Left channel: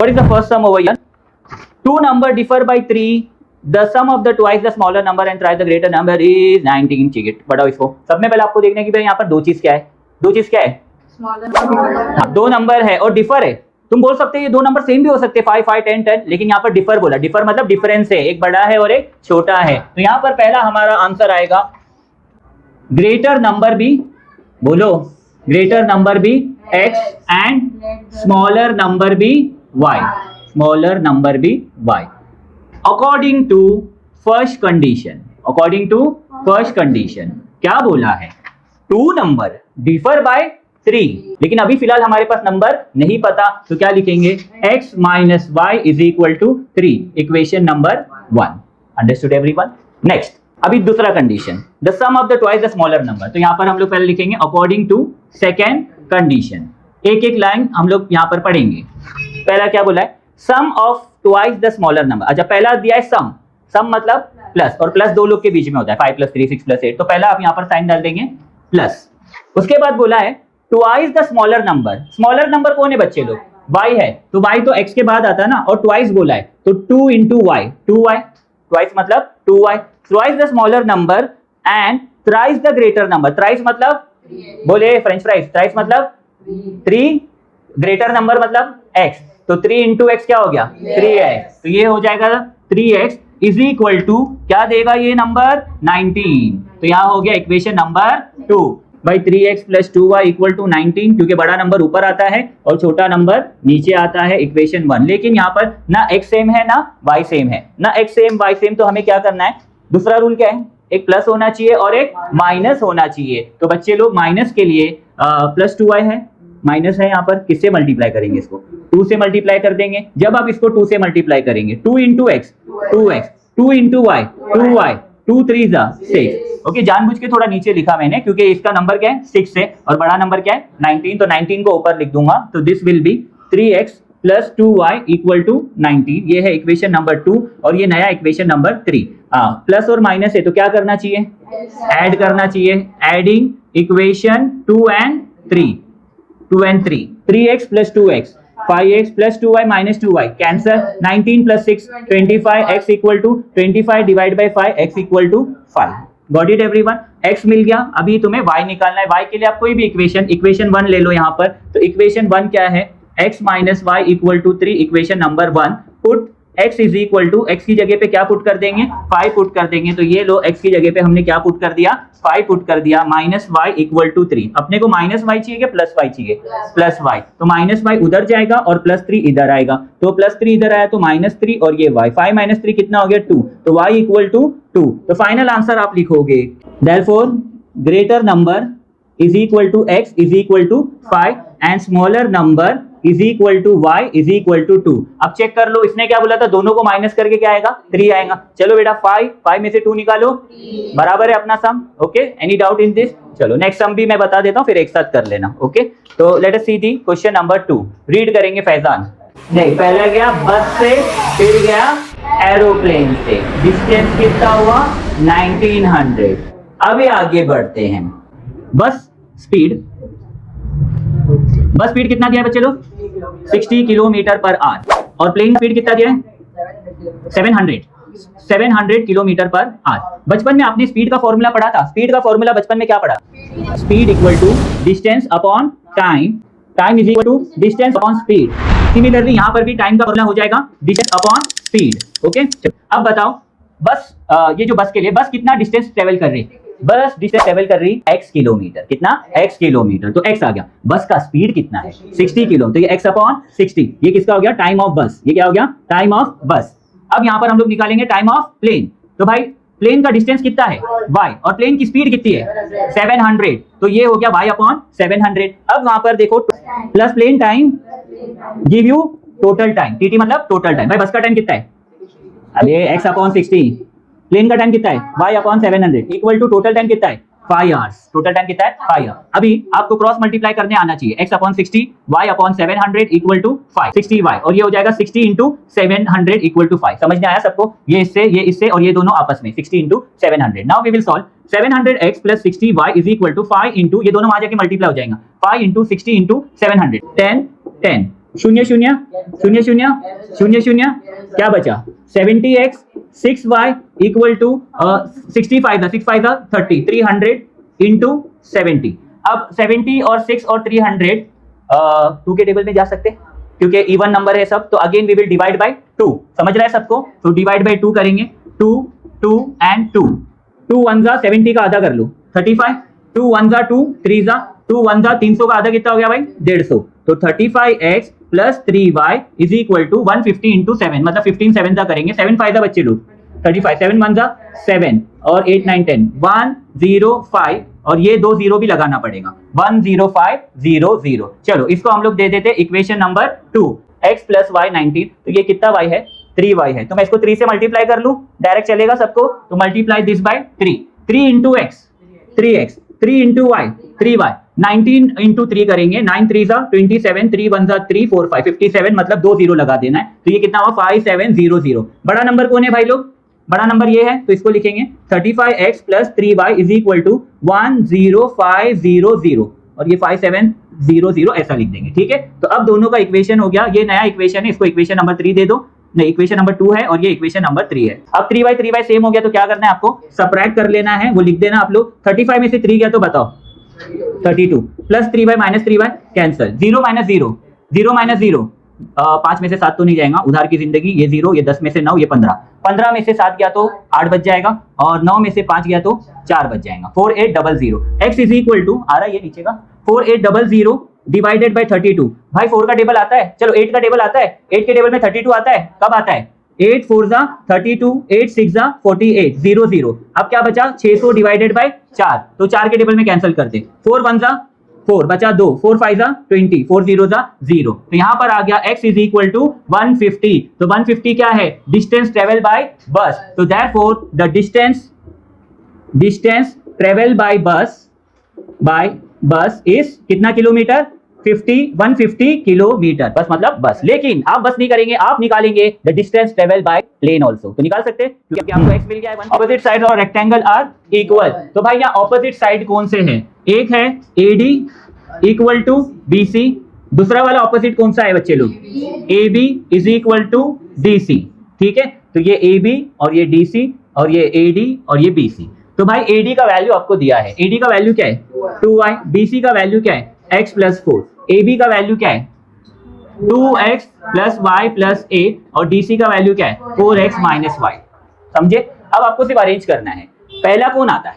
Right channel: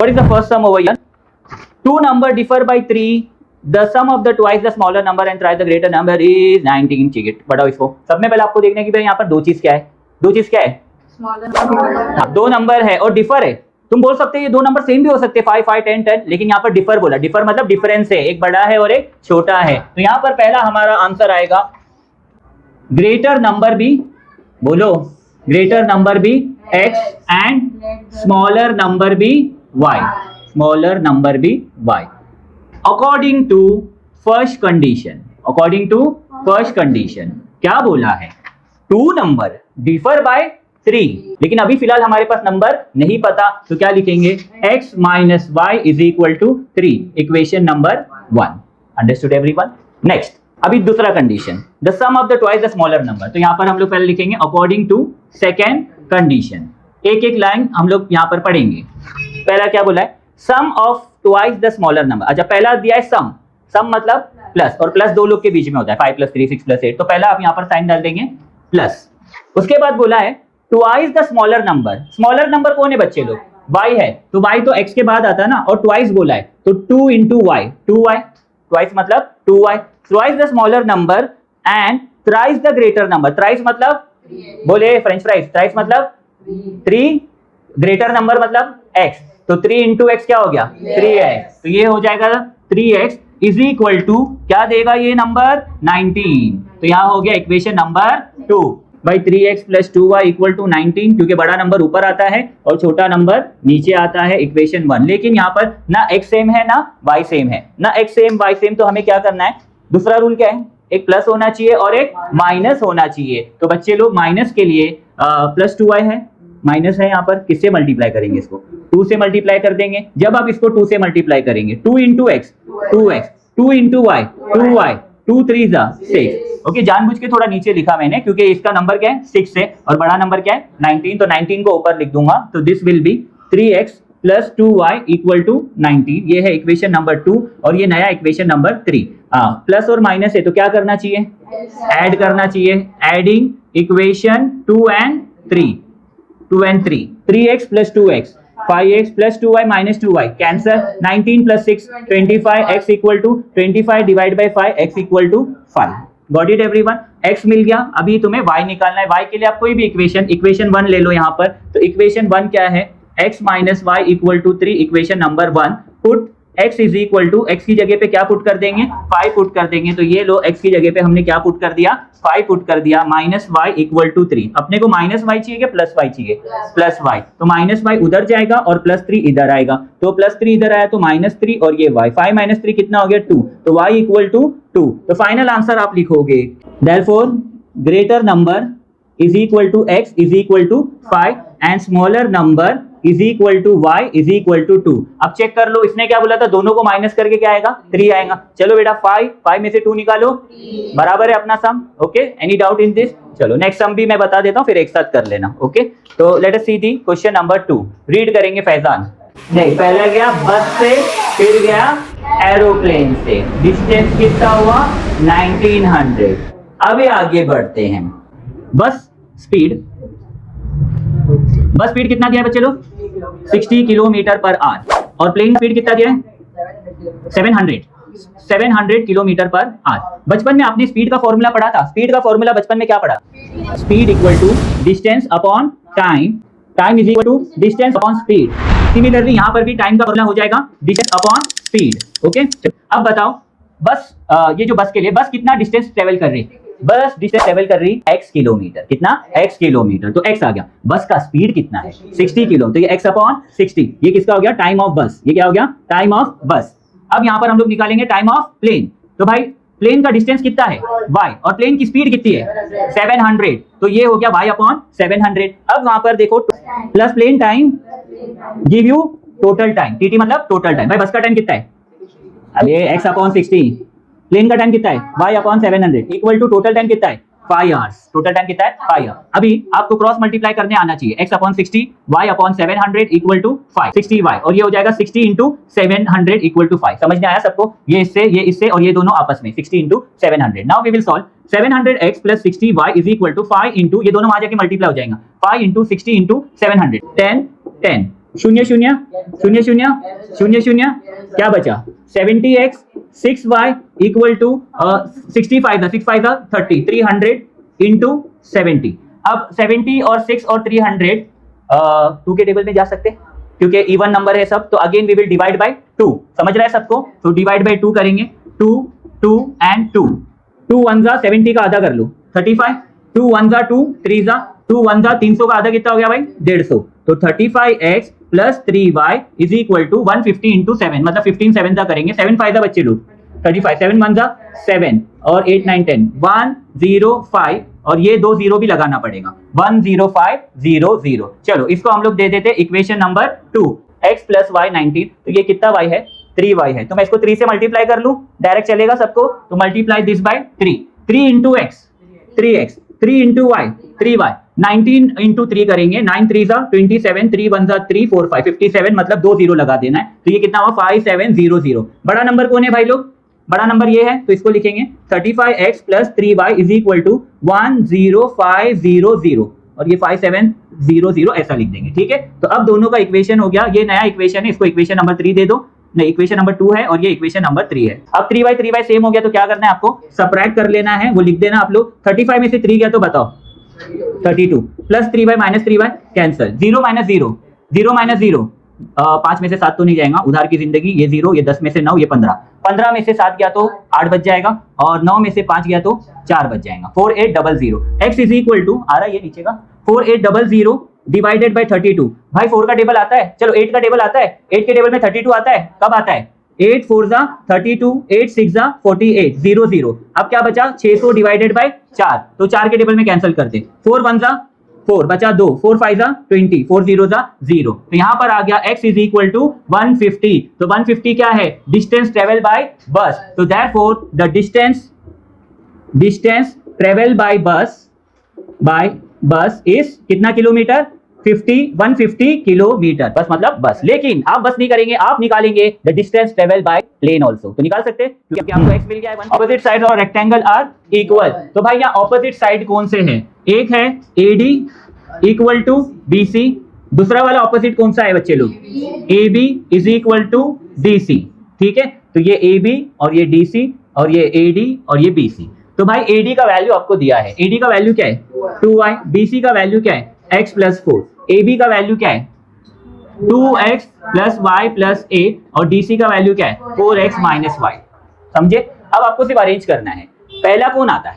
What is the first sum over here? Two numbers differ by 3. The sum of the twice the smaller number and twice the greater number is 19. ठीक है, बढ़ाओ इसको। सब में पहले आपको देखना है कि भाई यहाँ पर दो चीज क्या है। हाँ, दो नंबर है और डिफर है। तुम बोल सकते हो ये दो नंबर सेम भी हो सकते हैं, 5 5 10 10, लेकिन यहाँ पर डिफर बोला। डिफर मतलब डिफरेंस है, एक बड़ा है और एक छोटा है। तो यहाँ पर पहला हमारा आंसर आएगा ग्रेटर नंबर बी, बोलो greater number B x and smaller number B y, smaller number B y according to first condition. According to first condition क्या बोला है? टू नंबर डिफर बाय 3, लेकिन अभी फिलहाल हमारे पास नंबर नहीं पता, तो क्या लिखेंगे? x minus Y is equal to 3, equation number 1। Understood everyone? Next, अभी दूसरा condition, the sum of the twice the smaller number. तो यहाँ पर हम लोग पहले लिखेंगे अकॉर्डिंग टू सेकेंड कंडीशन। एक एक लाइन हम लोग यहाँ पर पढ़ेंगे। पहला क्या बोला है? Sum of twice the smaller number. अच्छा, पहला दिया है सम, सम मतलब प्लस, और प्लस दो लोग के बीच में होता है, 5 + 3 6 + 8। तो पहला आप यहाँ पर साइन डाल देंगे प्लस। उसके बाद बोला है twice the smaller number. Smaller number कौन है बच्चे लोग? y है, तो y तो x के बाद आता है ना, और ट्वाइस बोला है तो 2 × y, 2y, ट्वाइस मतलब 2y, twice the smaller number and twice the greater number. Thrice मतलब बोले फ्रेंच फ्राइज, ट्राइस मतलब 3, ग्रेटर नंबर मतलब x, तो 3 × x क्या हो गया? 3x। तो ये हो जाएगा 3x इज इक्वल टू क्या देगा ये नंबर? 19। तो यहाँ हो गया इक्वेशन नंबर 2। भाई 3x + 2y = 19, क्योंकि बड़ा नंबर ऊपर आता है और छोटा नंबर नीचे आता है, इक्वेशन 1। लेकिन यहाँ पर ना x सेम है ना y सेम है, ना x सेम y सेम, तो हमें क्या करना है? दूसरा रूल क्या है? एक प्लस होना चाहिए और एक माइनस होना चाहिए। तो बच्चे लोग माइनस के लिए +2y है, माइनस है यहाँ पर, किससे मल्टीप्लाई करेंगे? इसको 2 से मल्टीप्लाई कर देंगे। जब आप इसको 2 से मल्टीप्लाई करेंगे, 2 × x 2x, 2 × y 2y, 2 3 6। Okay, जानबूझ के थोड़ा नीचे लिखा मैंने, क्योंकि इसका नंबर क्या है? 6 है, और बड़ा नंबर क्या है? 19। तो 19 को ऊपर लिख दूंगा, तो this will be 3x + 2y = 19। ये है इक्वेशन नंबर 2, और ये नया इक्वेशन नंबर 3। प्लस और माइनस है तो क्या करना चाहिए? ऐड करना चाहिए। Adding equation 2 and 3, 2 and 3, 3x + 2x, 5x + 2y - 2y, cancer. 19 + 6 25, x = 25 / 5, x = 5। Got it everyone? x मिल गया। अभी तुम्हें y निकालना है। y के लिए आप कोई भी इक्वेशन 1 ले लो यहाँ पर। तो इक्वेशन 1 क्या है? x - y = 3, equation number 1। Put x is equal to, x की जगह पे क्या पुट कर देंगे? 5 पुट कर देंगे। तो ये लो, x की जगह पे हमने क्या पुट कर दिया? 5 पुट कर दिया। Minus y = 3। अपने को माइनस y चाहिए कि प्लस y चाहिए? Plus y। तो माइनस y उधर जाएगा और +3 इधर आएगा। तो +3 इधर आया तो -3, और ये y, 5 - 3 कितना हो गया? 2। तो y = 2। तो फाइनल आंसर आप लिखोगे, therefore greater number is equal to x is equal to 5 and smaller number is equal to y is equal to 2। अब चेक कर लो, इसने क्या बोला था? दोनों को माइनस करके क्या आएगा? 3 आएगा। चलो बेटा, 5 में से 2 निकालो, बराबर है अपना sum. Okay, any doubt in this? चलो नेक्स्ट सम भी मैं बता देता हूँ, फिर एक साथ कर लेना। ओके, तो let us see the question number 2। Read करेंगे फैजान। नहीं, पहला गया बस से, फिर गया एरोप्लेन से। डिस्टेंस कितना हुआ? 1900। अभी आगे बढ़ते हैं। बस स्पीड कितना दिया है बच्चे लोग? 60 km/h। और प्लेन स्पीड कितना दिया है? 700 km/h। बचपन में आपने स्पीड का फॉर्मूला पढ़ा था। स्पीड का फॉर्मूला बचपन में क्या पढ़ा? Speed = distance upon time, time is equal to distance upon speed. Similarly यहाँ पर भी टाइम का फॉर्मूला हो जाएगा डिस्टेंस अपॉन स्पीड। ओके, अब बताओ बस, ये जो बस के लिए, बस कितना डिस्टेंस ट्रेवल कर रही है? बस डिस्टेंस ट्रेवल कर रही है x किलोमीटर। कितना? x kilometre. तो x आ गया। बस का स्पीड कितना है? 60 किलो। तो ये x अपॉन 60, ये किसका हो गया? टाइम ऑफ बस। ये क्या हो गया? टाइम ऑफ बस। अब यहाँ पर हम लोग निकालेंगे टाइम ऑफ प्लेन। तो भाई प्लेन का डिस्टेंस कितना है? y, और प्लेन की स्पीड कितनी है? 700। तो ये हो गया y अपॉन 700। अब वहां पर देखो, plus plane time give you total time, tt मतलब टोटल टाइम। भाई बस का टाइम कितना है? अब ये x अपॉन 60, प्लेन का टाइम कितना है? y upon 700 equal to total time कितना है? 5 आवर्स। टोटल टाइम कितना है? 5 आवर्स। अभी आपको क्रॉस मल्टीप्लाई करने आना चाहिए। x upon 60, y upon 700 equal to 5, 60y, और ये हो जाएगा 60 × 700 इक्वल टू 5। समझ में आया सबको? ये इससे और ये दोनों आपस में 60 × 700। Now we will solve 700x + 60y = 5 × ये दोनों आ जाके मल्टीप्लाई हो जाएंगे। 5 × 60 × 700, 10 10 शून्य शून्य शून्य शून्य शून्य शून्य, क्या बचा 70x 6y इक्वल टू 65 था, 6 5 था 30, 300 इंटू 70। अब 70 और 6 और 300 2 के टेबल में जा सकते क्योंकि इवन नंबर है सब, तो again we will divide by 2। समझ रहा है सबको? तो डिवाइड बाय 2 करेंगे, 2 2 एंड 2, 2 1 जा 70 का आधा कर लो 35, 2 1 जा 2, 3 जा 2 1 जा 300 का आधा कितना हो गया भाई 150। तो 35x plus 3y is equal to 150 into 7, मतलब 15 7 जा करेंगे, 7 फायदा बच्चे लोग 35, 7 1 जा 7 और 8 9 10 105, और ये 2 0 भी लगाना पड़ेगा 10500। चलो इसको हम लोग दे देते equation number 2, x plus Y 19। तो ये कितना y है 3y है, तो मैं इसको 3 से मल्टीप्लाई कर लूं, डायरेक्ट चलेगा सबको, तो multiply this by 3, 3 into x 3x, 3 into y 3y, 19 into 3 करेंगे, 9 3 जा 27, 3 1 जा 3 4 5 57, मतलब 2 0 लगा देना है। तो ये कितना हुआ 5700। बड़ा नंबर कौन है भाई लोग? बड़ा नंबर ये है, तो इसको लिखेंगे 35x plus 3y is equal to 10500, और ये 5700 ऐसा लिख देंगे। ठीक है, तो अब दोनों का इक्वेशन हो गया, ये नया इक्वेशन है, इसको इक्वेशन नंबर 3 दे दो, नहीं इक्वेशन नंबर 2 है और ये इक्वेशन नंबर 3 है। अब 3y सेम हो गया, तो क्या करना है आपको सबट्रैक्ट कर लेना है, वो लिख देना आप लोग। 35 में से 3 गया तो बताओ 32, plus 3y minus 3y cancel, 0 minus 0 0 minus 0, 5 में से 7 तो नहीं जाएगा, उधार की जिंदगी, ये 0, ये 10 में से 9, ये 15, 15 में से 7 गया तो 8 बच जाएगा, और 9 में से 5 गया तो 4 बच जाएगा, 4800। x इज इक्वल टू आ रहा है ये नीचे का 4800 डिवाइडेड बाय 32। भाई 4 का टेबल आता है, चलो 8 का टेबल आता है, 8 के टेबल में 32 आता है, कब आता है 8 4 जा 32, 8 6 जा 48, 0 0। अब क्या बचा 600 डिवाइडेड बाय 4, तो 4 के टेबल में कैंसिल करते, 4 1 जा 4 बचा 2, 4 5 जा 20, 4 0 जा 0। तो यहाँ पर आ गया x इज इक्वल टू 150। तो 150 क्या है डिस्टेंस ट्रेवल बाय बस, तो therefore the distance travel bye बस इज कितना किलोमीटर 150 किलोमीटर, बस मतलब बस। लेकिन आप बस नहीं करेंगे, आप निकालेंगे the distance travel by plane also, तो निकाल सकते हैं क्योंकि आपको x मिल गया है। Opposite side of rectangle are equal, तो भाई यहाँ ऑपोजिट साइड कौन से हैं? एक है AD इक्वल टू BC, दूसरा वाला ऑपोजिट कौन सा है बच्चे लोग? AB is equal to DC। ठीक है, तो ये AB और ये DC और ये AD और ये BC। तो भाई AD का वैल्यू आपको दिया है, AD का वैल्यू क्या है 2y, BC का वैल्यू क्या है x प्लस 4, AB का वैल्यू क्या है 2x plus y plus a, और DC का वैल्यू क्या है 4x माइनस y। समझे? अब आपको सिर्फ अरेंज करना है, पहला कौन आता है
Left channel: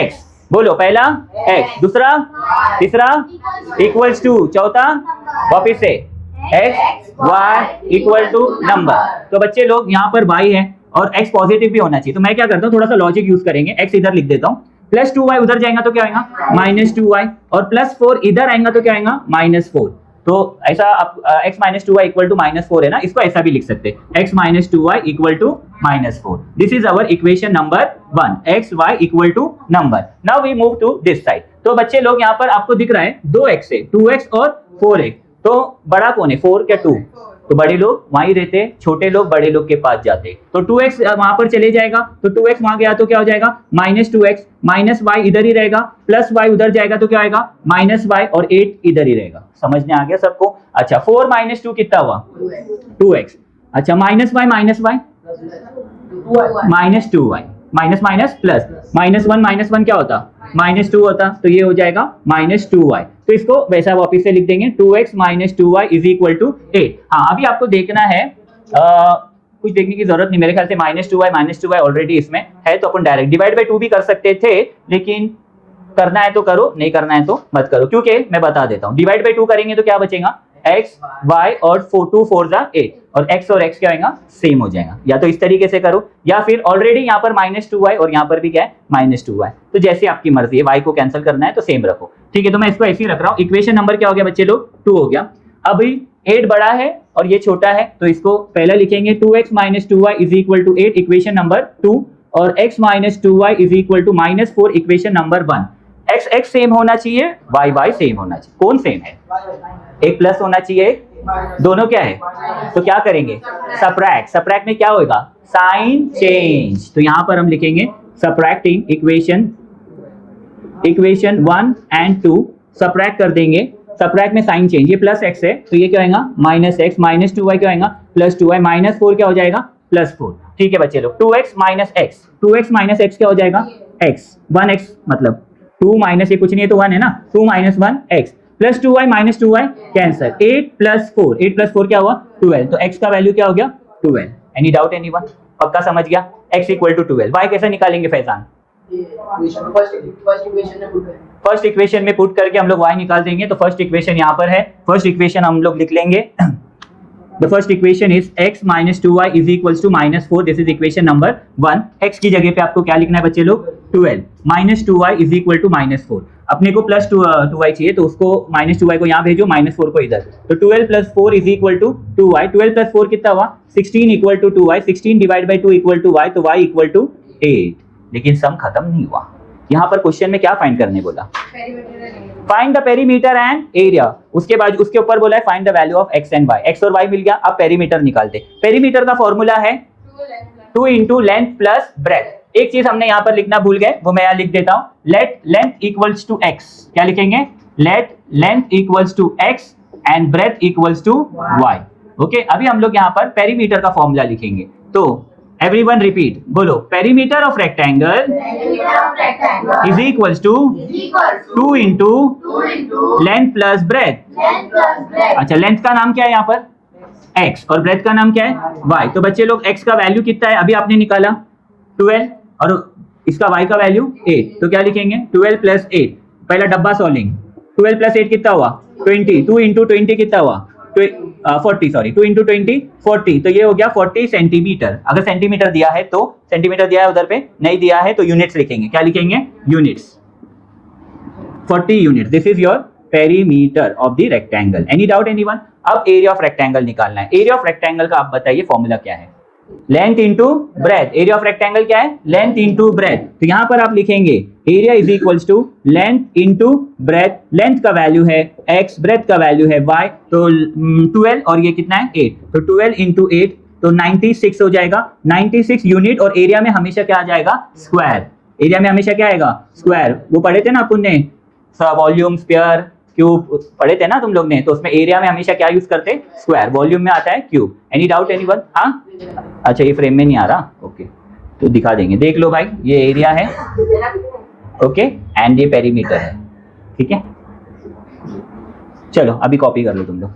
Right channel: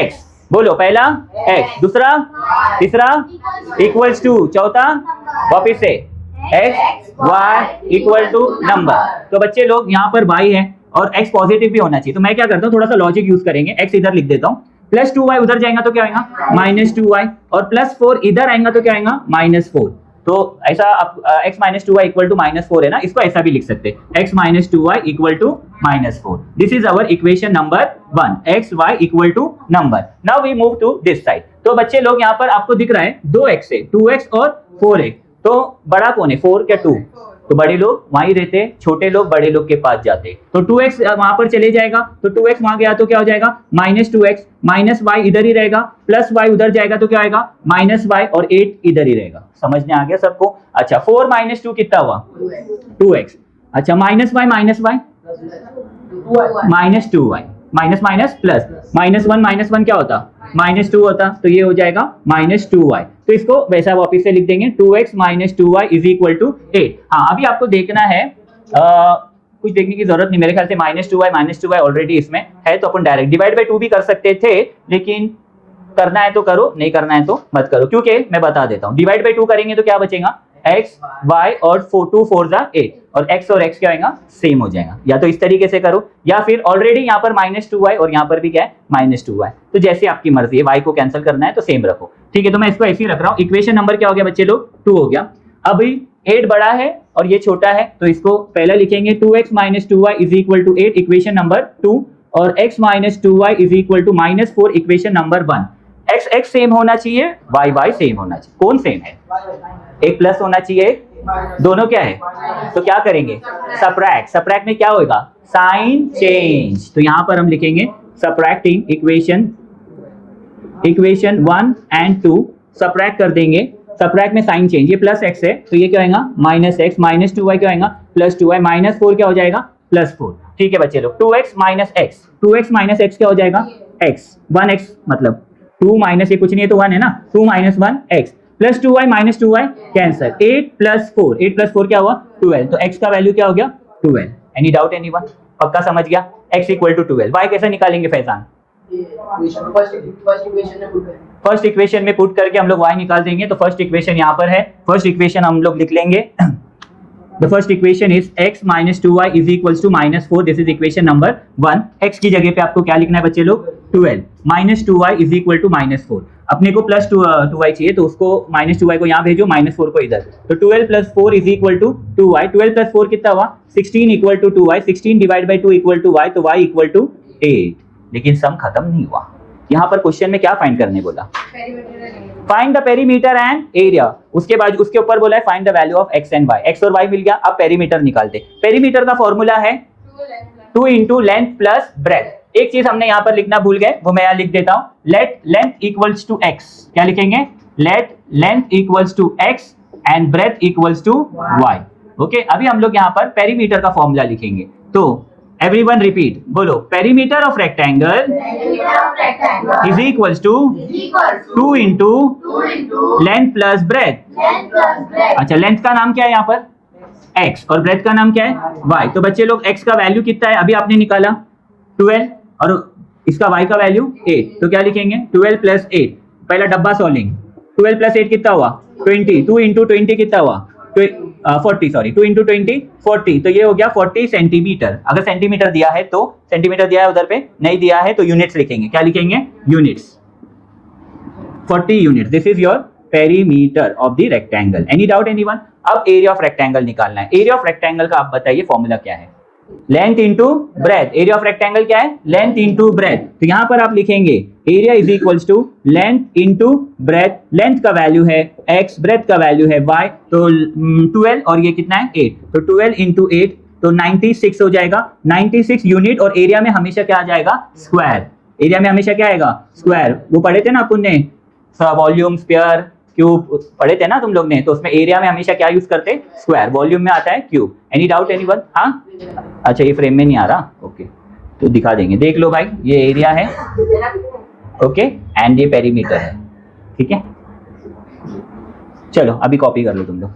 x, बोलो पहला x, दूसरा तीसरा इक्वल्स टू, चौथा वापिस से x y equal to number. तो बच्चे लोग यहाँ पर y है और x पॉजिटिव भी होना चाहिए, तो मैं क्या करता हूँ थोड़ा सा लॉजिक यूज करेंगे, x इधर लिख देता हूँ, प्लस 2y उधर जाएगा तो क्या आएगा माइनस 2y, और प्लस 4 इधर आएगा तो क्या आएगा माइनस 4। तो ऐसा आप x minus 2y equal to minus 4 है ना, इसको ऐसा भी लिख सकते हैं x minus 2y equal to minus 4। This is our equation number 1, x y equal to number. Now we move to this side. तो बच्चे लोग यहाँ पर आपको दिख रहा है 2x है, 2x और 4x, तो बड़ा कौन है 4 क्या 2? तो बड़े लोग वहीं रहते हैं, छोटे लोग बड़े लोग के पास जाते हैं, तो 2x वहां पर चले जाएगा, तो 2x वहां गया तो क्या हो जाएगा माइनस 2x, माइनस y इधर ही रहेगा, प्लस y उधर जाएगा तो क्या आएगा माइनस y, और 8 इधर ही रहेगा। समझ में आ गया सबको? अच्छा 4 माइनस 2 कितना हुआ 2x, अच्छा minus y minus 2y, minus minus plus, minus 1 क्या होता माइनस 2 होता, तो ये हो जाएगा माइनस 2y। तो इसको वैसा वापिस से लिख देंगे 2x minus 2y is equal to 8। हाँ अभी आपको देखना है, कुछ देखने की जरूरत नहीं, मेरे ख्याल से माइनस 2y ऑलरेडी इसमें है, तो अपन डायरेक्ट डिवाइड बाय 2 भी कर सकते थे, लेकिन करना है तो करो, नहीं करना है तो मत करो, क्योंकि मैं बता देता हूँ डिवाइड बाय 2 करेंगे तो क्या बचेगा x y और 2 4 जा 8, और x और x क्या आएगा सेम हो जाएगा। या तो इस तरीके से करो, या फिर ऑलरेडी यहाँ पर माइनस 2y और यहाँ पर भी क्या है माइनस 2y, तो जैसे आपकी मर्जी है, y को कैंसिल करना है तो सेम रखो। ठीक है, तो मैं इसको ऐसे ही रख रहा हूँ। इक्वेशन नंबर क्या हो गया बच्चे लोग 2 हो गया। अभी 8 बड़ा है और ये छोटा है, तो इसको पहला लिखेंगे 2x minus 2y is equal to 8 equation number 2, और x minus 2y is equal to minus 4 equation number 1। x x same होना चाहिए, y y सेम होना चाहिए। कौन सेम है? एक प्लस होना चाहिए, दोनों क्या है, तो क्या करेंगे सबट्रैक्ट, सबट्रैक्ट में क्या होगा साइन चेंज, तो यहां पर हम लिखेंगे सबट्रैक्टिंग इक्वेशन 1 एंड 2, सबट्रैक्ट कर देंगे सबट्रैक्ट में साइन चेंज, ये प्लस एक्स है तो ये क्या होगा माइनस एक्स, माइनस 2y क्या होगा प्लस 2y, माइनस 4 क्या हो जाएगा प्लस 4। ठीक है बच्चे लोग, 2x minus x, 2x minus x क्या हो जाएगा x, 1x मतलब 2 माइनस ये कुछ नहीं है तो 1 है ना, 2 minus 1 x plus 2y minus 2y cancer, 8 plus 4, 8 plus 4 क्या हुआ 12, तो x का वैल्यू क्या हो गया 12। Any doubt anyone? पक्का समझ गया? x equal to 12। y कैसे निकालेंगे फैजान? फर्स्ट इक्वेशन में पुट करके हम लोग y निकाल देंगे। तो फर्स्ट इक्वेशन यहाँ पर है, फर्स्ट इक्वेशन हम लोग लिख लेंगे। The first equation is x minus 2y is equals to minus 4. This is equation number 1. x की जगह पे आपको क्या लिखना है बच्चे लोग 12 minus 2y is equal to minus 4। अपने को प्लस 2y चाहिए तो उसको माइनस 2y को यहाँ भेजो, माइनस 4 को इधर, तो 12 plus 4 is equal to 2y, 12 plus 4 कितना हुआ 16 equal to 2y, 16 divide by 2 equal to y, तो y इक्वल टू 8। लेकिन सम खत्म नहीं हुआ, यहाँ पर क्वेश्चन में क्या फाइंड करने बोला, find the perimeter and area. उसके बाद उसके ऊपर बोला है find the value of X and Y, X और वाई मिल गया, अब पेरीमीटर निकालते। पेरीमीटर का फॉर्मूला है 2 इंटू लेंथ प्लस ब्रेथ। एक चीज हमने यहाँ पर लिखना भूल गए, वो मैं यहाँ लिख देता हूँ, let length equals to X, क्या लिखेंगे let length equals to X and breadth equals to Y. Okay, अभी हम लोग यहाँ पर पेरीमीटर का फॉर्मूला लिखेंगे, तो एवरीवन रिपीट, बोलो perimeter of rectangle is equals to 2 into length plus breadth. अच्छा, लेंथ का नाम क्या है यहाँ पर x और ब्रेथ का नाम क्या है y। तो बच्चे लोग x का वैल्यू कितना है अभी आपने निकाला 12 और इसका y का वैल्यू 8, तो क्या लिखेंगे 12 प्लस 8, पहला डब्बा सॉल्विंग, 12 प्लस 8 कितना हुआ 20, 2 इंटू 20 कितना हुआ 40, सॉरी 2 इंटू 20 40, तो ये हो गया 40 सेंटीमीटर। अगर सेंटीमीटर दिया है तो सेंटीमीटर दिया है उधर पे, नहीं दिया है तो यूनिट्स लिखेंगे, क्या लिखेंगे units, 40 unit. This is your perimeter of the rectangle. Any doubt anyone? अब एरिया ऑफ रेक्टेंगल निकालना है। एरिया ऑफ रेक्टेंगल का आप बताइए फॉर्मूला क्या है, length into breath. Area of rectangle क्या है लेंथ इंटू ब्रेथ, तो यहां पर आप लिखेंगे area is equals to length into breadth, length का वैल्यू है x, ब्रेथ का वैल्यू है y, तो 12 और ये कितना है 8, तो 12 इंटू 8 तो 96 हो जाएगा, 96 यूनिट। और एरिया में हमेशा क्या आ जाएगा स्क्वायर, एरिया में हमेशा क्या आएगा स्क्वायर। वो पढ़े थे ना अपन ने वॉल्यूम, स्क्वायर, क्यूब पढ़े थे ना तुम लोग ने, तो उसमें एरिया में हमेशा क्या यूज करते स्क्वायर, वॉल्यूम में आता है क्यूब। Any doubt anyone? हाँ, अच्छा ये फ्रेम में नहीं आ रहा, ओके तो दिखा देंगे, देख लो भाई ये एरिया है, ओके एंड ये पेरीमीटर, ठीक है। चलो अभी कॉपी कर लो तुम लोग।